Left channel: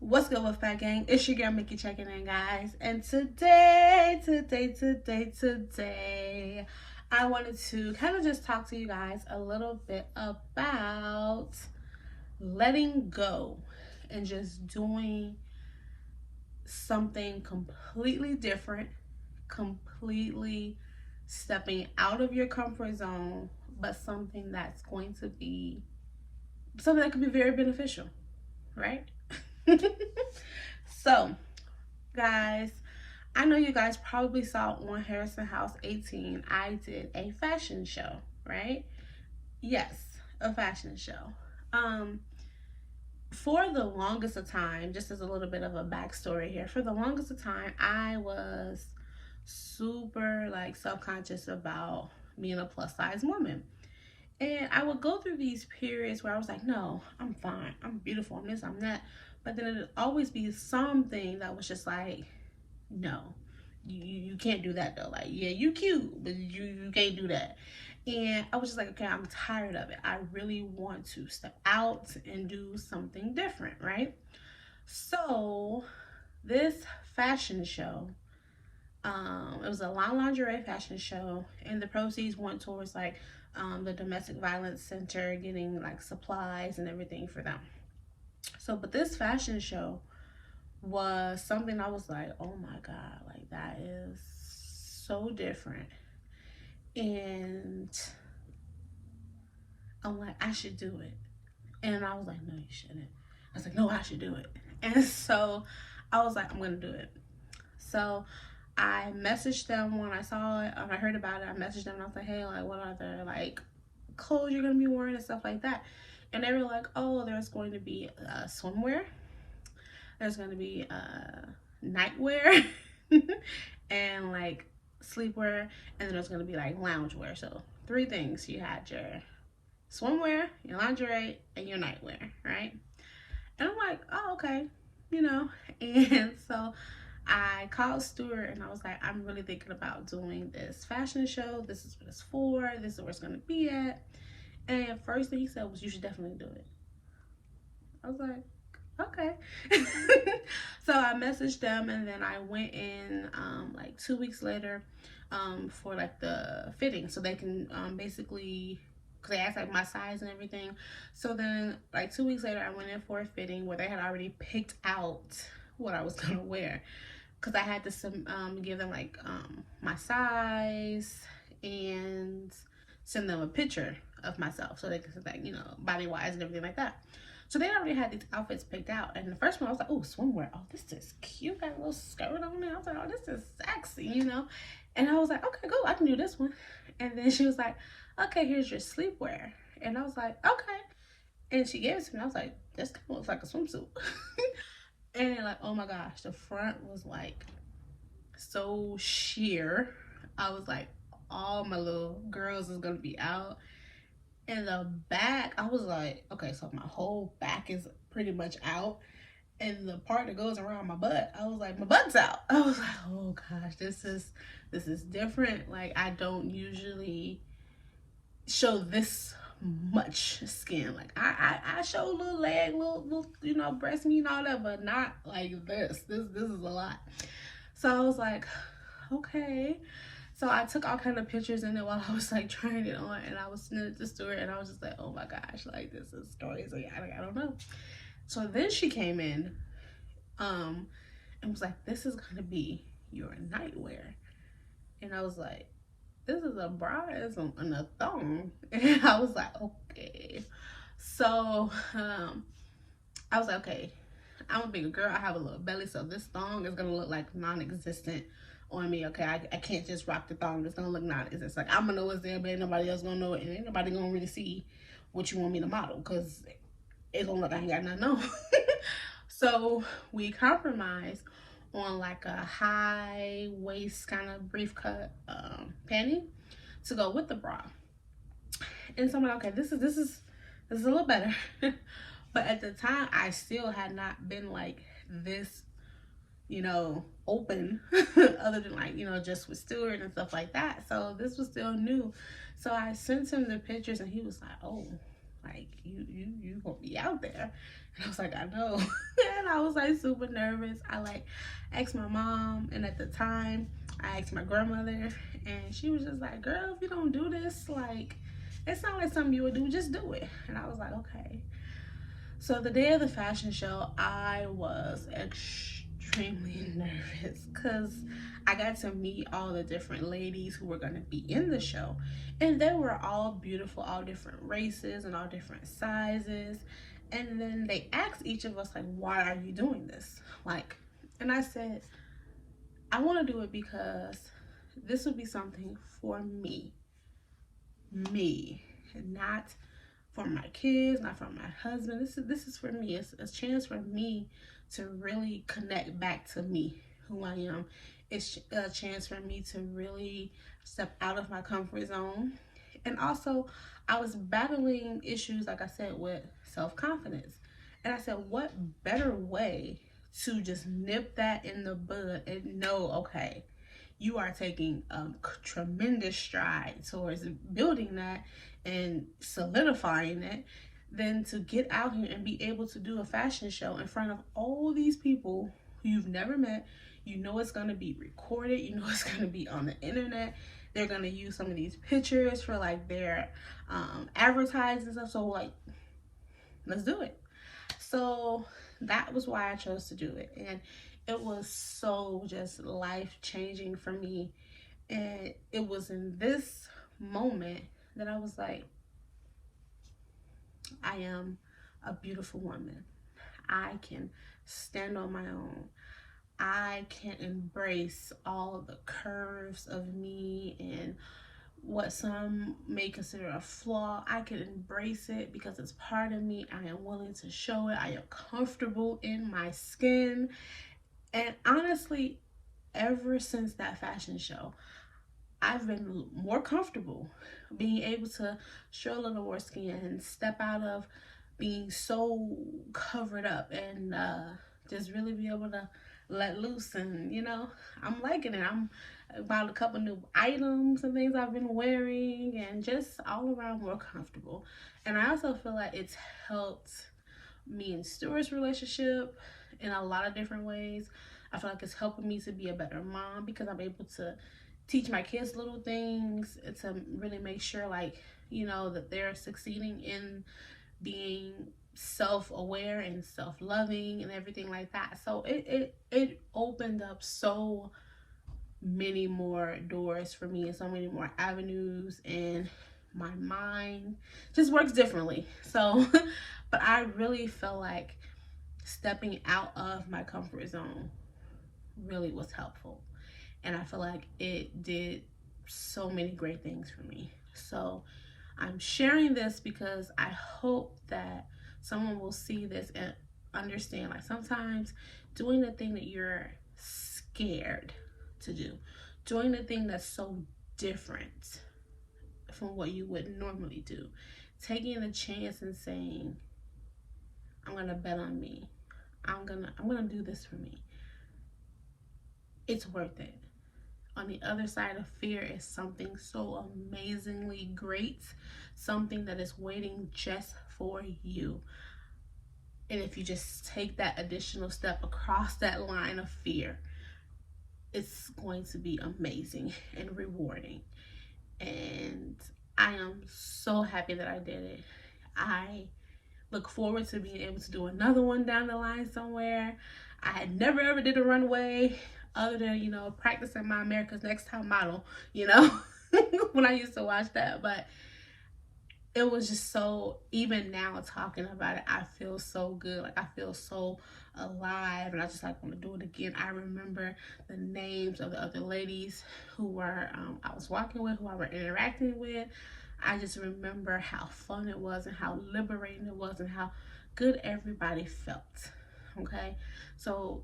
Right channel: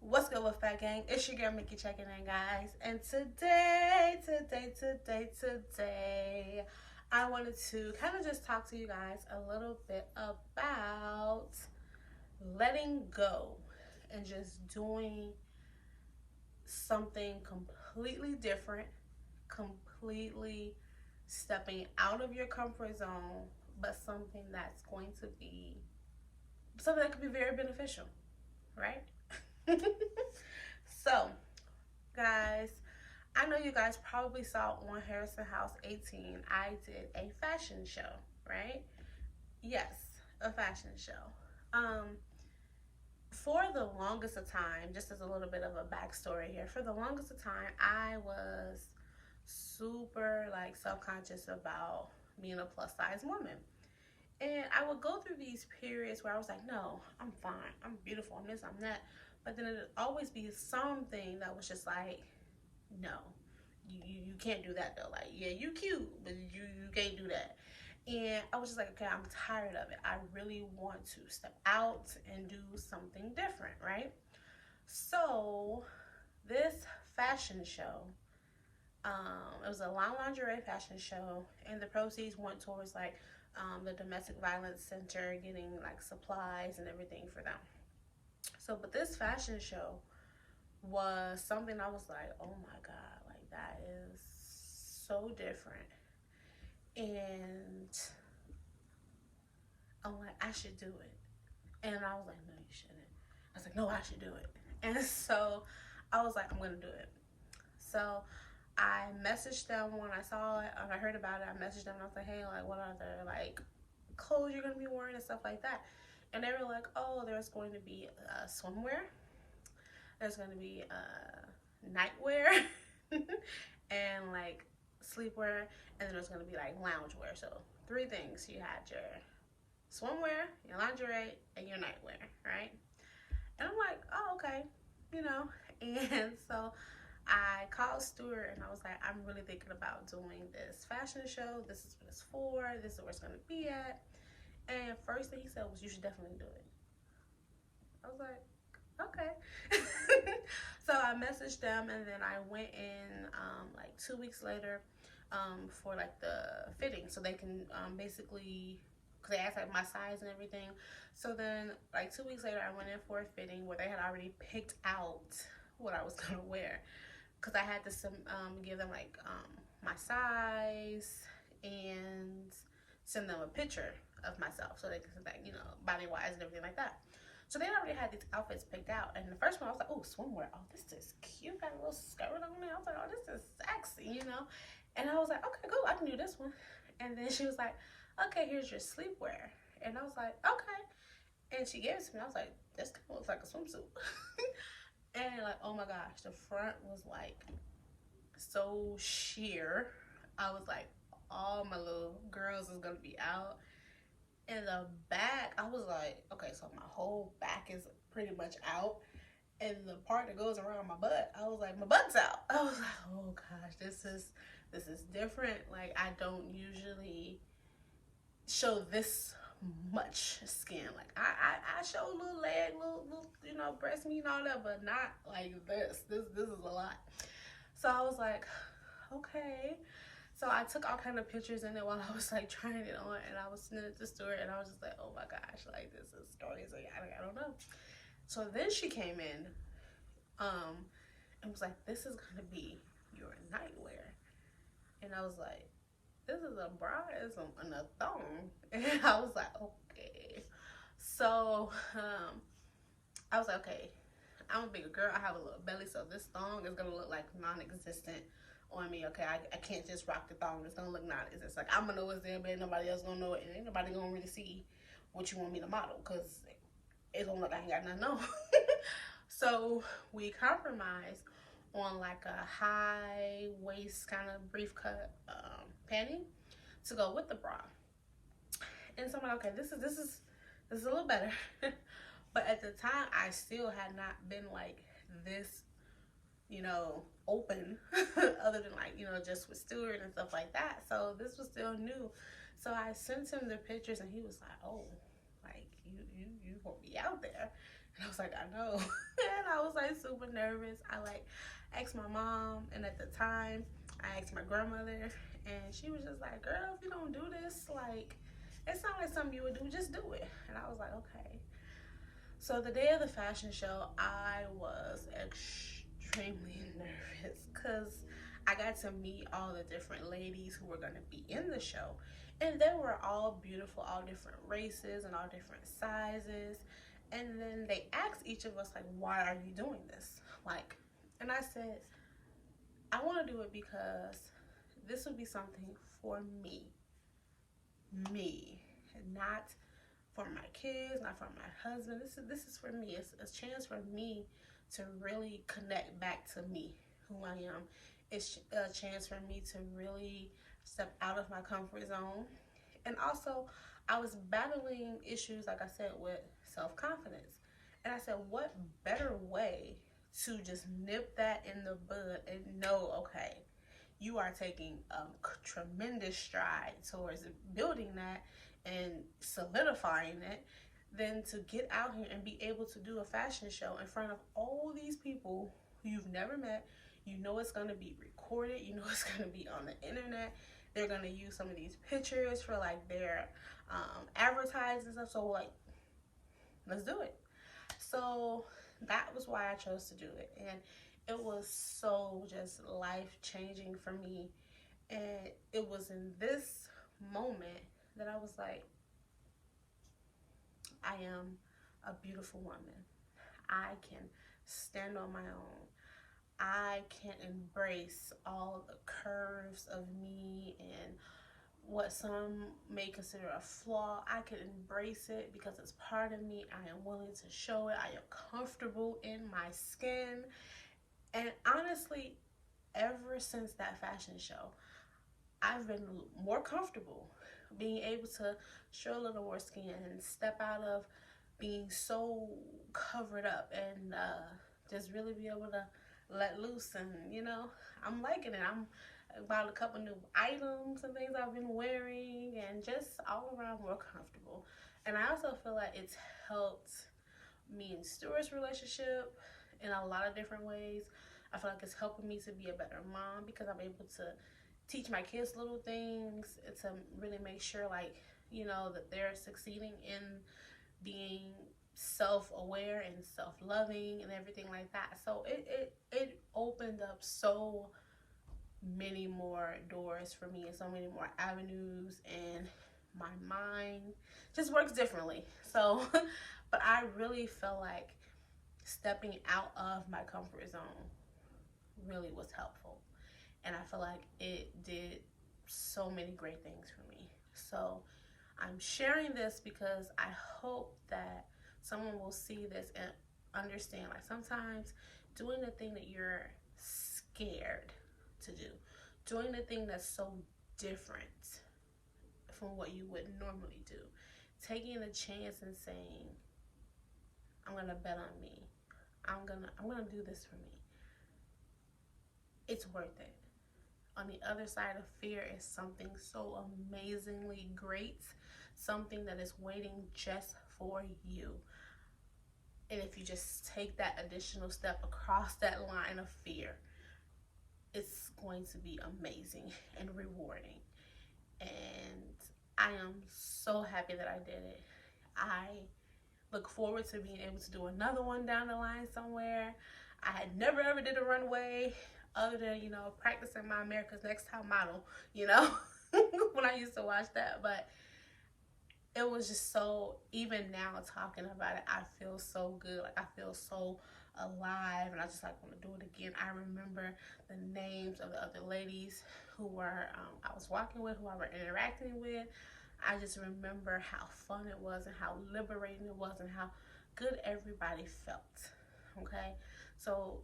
What's good with Fat Gang? It's your girl Mikki checking in, guys. And today, I wanted to kind of just talk to you guys a little bit about letting go and just doing something completely different, completely stepping out of your comfort zone, but something that's going to be something that could be very beneficial, right? So, guys, I know you guys probably saw on Harrison House 18, I did a fashion show, right? Yes, a fashion show. Um, for the longest of time, just as a little bit of a backstory here, for the longest of time, I was super like self-conscious about being a plus size woman. And I would go through these periods where I was like, no, I'm fine. I'm beautiful. I'm this, I'm that. But then it'd always be something that was just like, no, you can't do that though. Like, yeah, you cute, but you can't do that. And I was just like, okay, I'm tired of it. I really want to step out and do something different, right? So this fashion show, it was a lingerie fashion show, and the proceeds went towards like the domestic violence center, getting like supplies and everything for them. So, but this fashion show was something I was like, oh my God, like that is so different. And I'm like, I should do it. And I was like, no, you shouldn't. I was like, no, I should do it. And so I was like, I'm going to do it. So I messaged them when I saw it, I heard about it. I messaged them and I was like, hey, like, what are the like clothes you're going to be wearing and stuff like that? And they were like, oh, there's going to be swimwear. There's going to be nightwear and like sleepwear, and then there's going to be like loungewear. So 3 things. You had your swimwear, your lingerie, and your nightwear, right? And I'm like, oh, okay, you know. And so I called Stuart and I was like, I'm really thinking about doing this fashion show. This is what it's for. This is where it's going to be at. And first thing he said was, you should definitely do it. I was like, okay. So I messaged them, and then I went in like 2 weeks later for like the fitting, so they can basically, because they asked like my size and everything. So then like 2 weeks later I went in for a fitting where they had already picked out what I was gonna wear, because I had to give them like my size and send them a picture of myself so they could like, you know, body wise and everything like that. So they already had these outfits picked out. And the first one I was like, oh, swimwear. Oh, this is cute. Got a little skirt on there. I was like, oh, this is sexy, you know. And I was like, okay, cool, I can do this one. And then she was like, okay, here's your sleepwear. And I was like, okay. And she gave it to me. I was like, this kind of looks like a swimsuit. And like, oh my gosh, the front was like so sheer. I was like, all my little girls is gonna be out. And the back, I was like, okay, so my whole back is pretty much out. And the part that goes around my butt, I was like, my butt's out. I was like, oh gosh, this is different. Like, I don't usually show this much skin. Like I show a little leg, little you know, breast meat and all that, but not like this. This is a lot. So I was like, okay. So I took all kind of pictures in it while I was like trying it on, and I was sending it to Stuart, and I was just like, oh my gosh, like this is crazy. I don't know. So then she came in, and was like, this is gonna be your nightwear. And I was like, this is a bra and a thong. And I was like, okay. So I was like, okay, I'm a bigger girl. I have a little belly, so this thong is gonna look like non-existent on me. Okay, I can't just rock the thong. It's gonna look non-existent. It's like, I'm gonna know it's there, but ain't nobody else gonna know it, and ain't nobody gonna really see what you want me to model, because it's gonna look like I ain't got nothing on. So we compromised on like a high waist kind of brief cut panty to go with the bra. And so I'm like, okay, this is a little better. But at the time, I still had not been like this, you know, open, other than like, you know, just with Stuart and stuff like that. So this was still new. So I sent him the pictures, and he was like, oh, Like, you gonna be out there. And I was like, I know. And I was like super nervous. I like asked my mom, and at the time I asked my grandmother, and she was just like, girl, if you don't do this, like, it's not like something you would do, just do it. And I was like, okay. So the day of the fashion show, I was extremely nervous because I got to meet all the different ladies who were going to be in the show. And they were all beautiful, all different races and all different sizes. And then they asked each of us, like, why are you doing this? Like, and I said, I want to do it because this would be something for me, not for my kids, not for my husband. This is for me. It's a chance for me to really connect back to me, who I am. It's a chance for me to really step out of my comfort zone. And also, I was battling issues, like I said, with self-confidence. And I said, what better way to just nip that in the bud and know, okay, you are taking tremendous stride towards building that and solidifying it, than to get out here and be able to do a fashion show in front of all these people who you've never met. You know it's going to be recorded. You know it's going to be on the internet. They're going to use some of these pictures for like their advertising stuff. So like, let's do it. So that was why I chose to do it. And it was so just life-changing for me. And it was in this moment that I was like, I am a beautiful woman. I can stand on my own. I can embrace all of the curves of me and what some may consider a flaw. I can embrace it because it's part of me. I am willing to show it. I am comfortable in my skin. And honestly, ever since that fashion show, I've been more comfortable being able to show a little more skin, step out of being so covered up, and just really be able to let loose. And you know, I'm liking it. I'm about a couple new items and things I've been wearing, and just all around more comfortable. And I also feel like it's helped me and Stuart's relationship in a lot of different ways. I feel like it's helping me to be a better mom because I'm able to teach my kids little things to really make sure, like, you know, that they're succeeding in being self-aware and self-loving and everything like that. So it opened up so many more doors for me and so many more avenues, and my mind just works differently. So but I really feel like stepping out of my comfort zone really was helpful, and I feel like it did so many great things for me. So I'm sharing this because I hope that someone will see this and understand, like, sometimes doing the thing that you're scared to do, doing the thing that's so different from what you would normally do, taking a chance and saying, I'm gonna bet on me, I'm gonna do this for me, it's worth it. On the other side of fear is something so amazingly great, something that is waiting just for you. And if you just take that additional step across that line of fear, it's going to be amazing and rewarding. And I am so happy that I did it. I look forward to being able to do another one down the line somewhere. I had never ever did a runway other than, you know, practicing my America's Next Top Model, you know, when I used to watch that. But it was just so, even now talking about it, I feel so good. Like, I feel so alive, and I just like want to do it again. I remember the names of the other ladies who were I was walking with, who I were interacting with. I just remember how fun it was and how liberating it was and how good everybody felt. Okay, so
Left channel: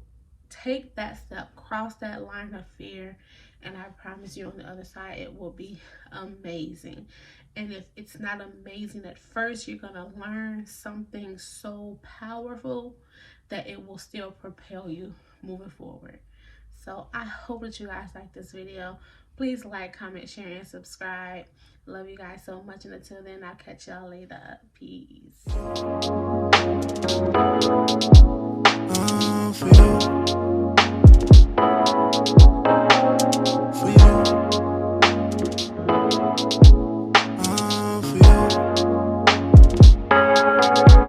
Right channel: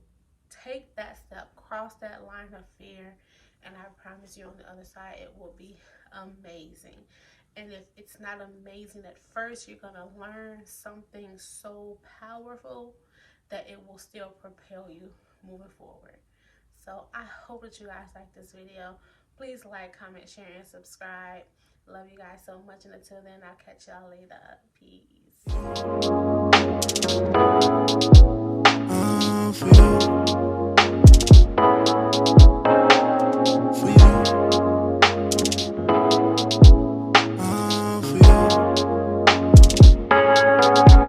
take that step, cross that line of fear, and I promise you on the other side it will be amazing. And if it's not amazing at first, you're gonna learn something so powerful that it will still propel you moving forward. So I hope that you guys like this video. Please like, comment, share, and subscribe. Love you guys so much, and until then, I'll catch y'all later. Peace.